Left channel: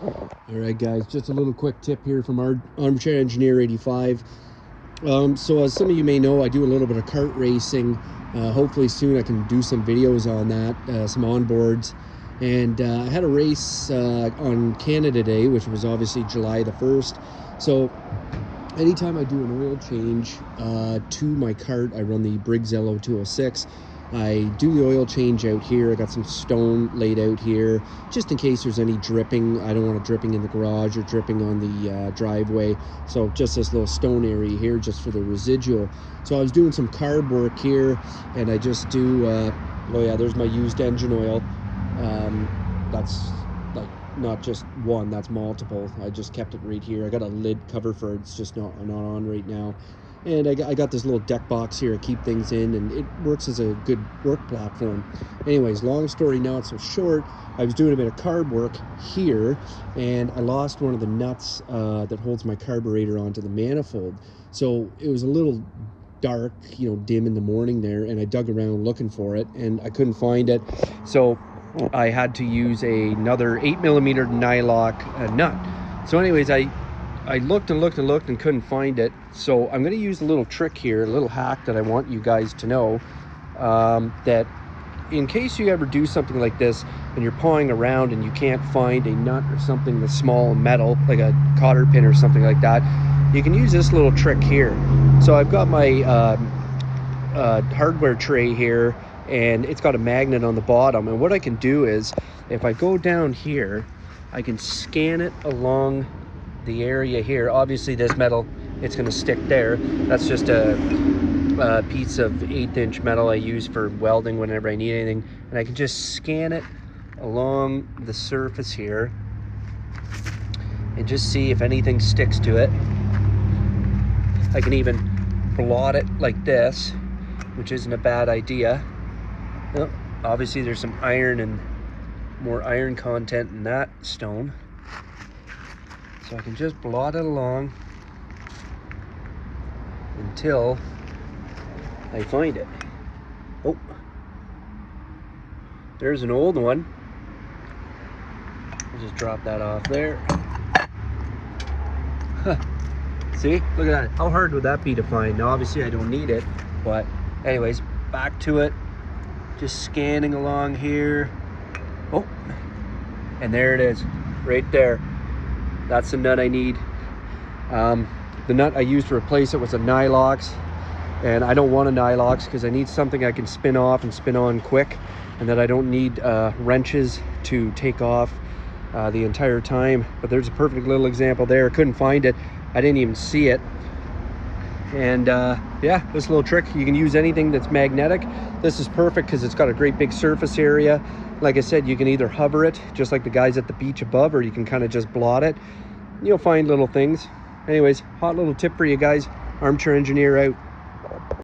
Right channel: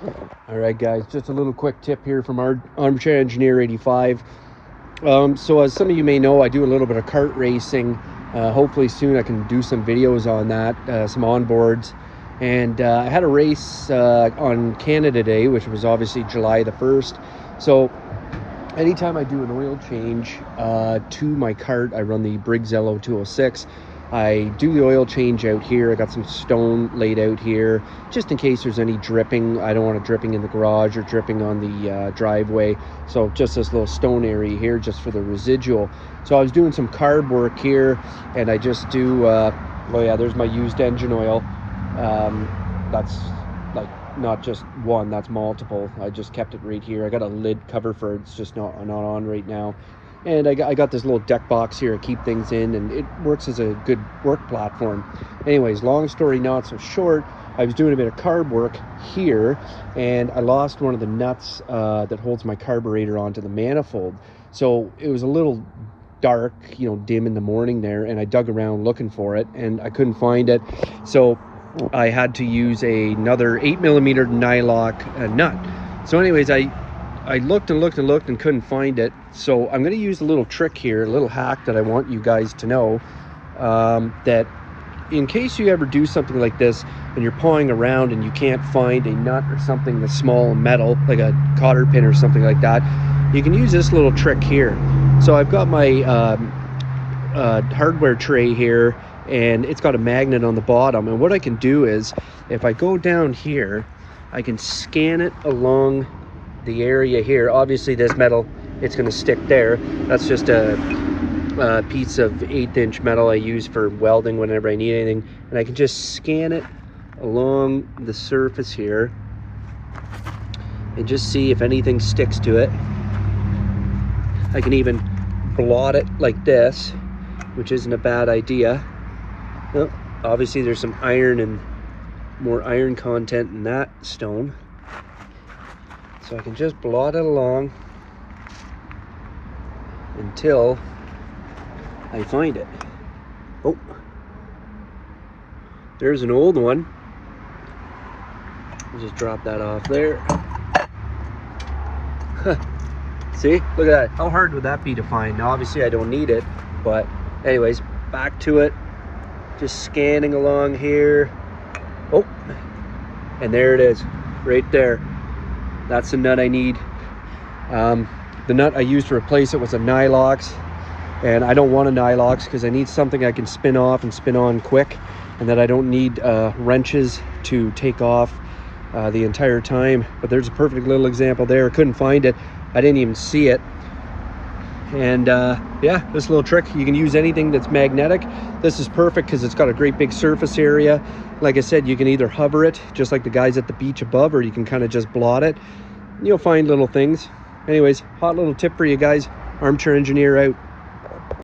All right, guys, just a little quick tip here from our Armchair Engineer 85. So as some of you may know, I do a little bit of kart racing. Hopefully soon I can do some videos on that, some onboards. And I had a race on Canada Day, which was obviously July the 1st. So anytime I do an oil change to my kart, I run the Briggs LO206. I do the oil change out here. I got some stone laid out here just in case there's any dripping. I don't want it dripping in the garage or dripping on the driveway. So just this little stone area here just for the residual. So I was doing some carb work here, and I just do, oh yeah, there's my used engine oil. That's like not just one, that's multiple. I just kept it right here. I got a lid cover for it. It's just not on right now. And I got this little deck box here to keep things in, and it works as a good work platform. Anyways, long story not so short, I was doing a bit of carb work here, and I lost one of the nuts that holds my carburetor onto the manifold. So it was a little dark, you know, dim in the morning there, and I dug around looking for it, and I couldn't find it. So I had to use another 8mm nylock nut. So anyways, I looked and looked and looked and couldn't find it. So I'm going to use a little trick here, a little hack that I want you guys to know, that in case you ever do something like this and you're pawing around and you can't find a nut or something that's small and metal, like a cotter pin or something like that, you can use this little trick here. So I've got my hardware tray here, and it's got a magnet on the bottom. And what I can do is, if I go down here, I can scan it along the area here. Obviously this metal, it's going to stick there. That's just a piece of 1/8" metal I use for welding whenever I need anything, and I can just scan it along the surface here and just see if anything sticks to it. I can even blot it like this, which isn't a bad idea. Well, obviously there's some iron and more iron content in that stone. So I can just blot it along until I find it. Oh, there's an old one. I'll just drop that off there. See, look at that. How hard would that be to find? Now obviously I don't need it, but anyways, back to it. Just scanning along here. Oh, and there it is, right there. That's the nut I need. The nut I used to replace it was a Nylox, and I don't want a Nylox because I need something I can spin off and spin on quick, and that I don't need wrenches to take off the entire time. But there's a perfect little example there. I couldn't find it. I didn't even see it. And yeah, this little trick, you can use anything that's magnetic. This is perfect because it's got a great big surface area. Like I said, you can either hover it just like the guys at the beach above, or you can kind of just blot it. You'll find little things. Anyways, hot little tip for you guys. Armchair Engineer out.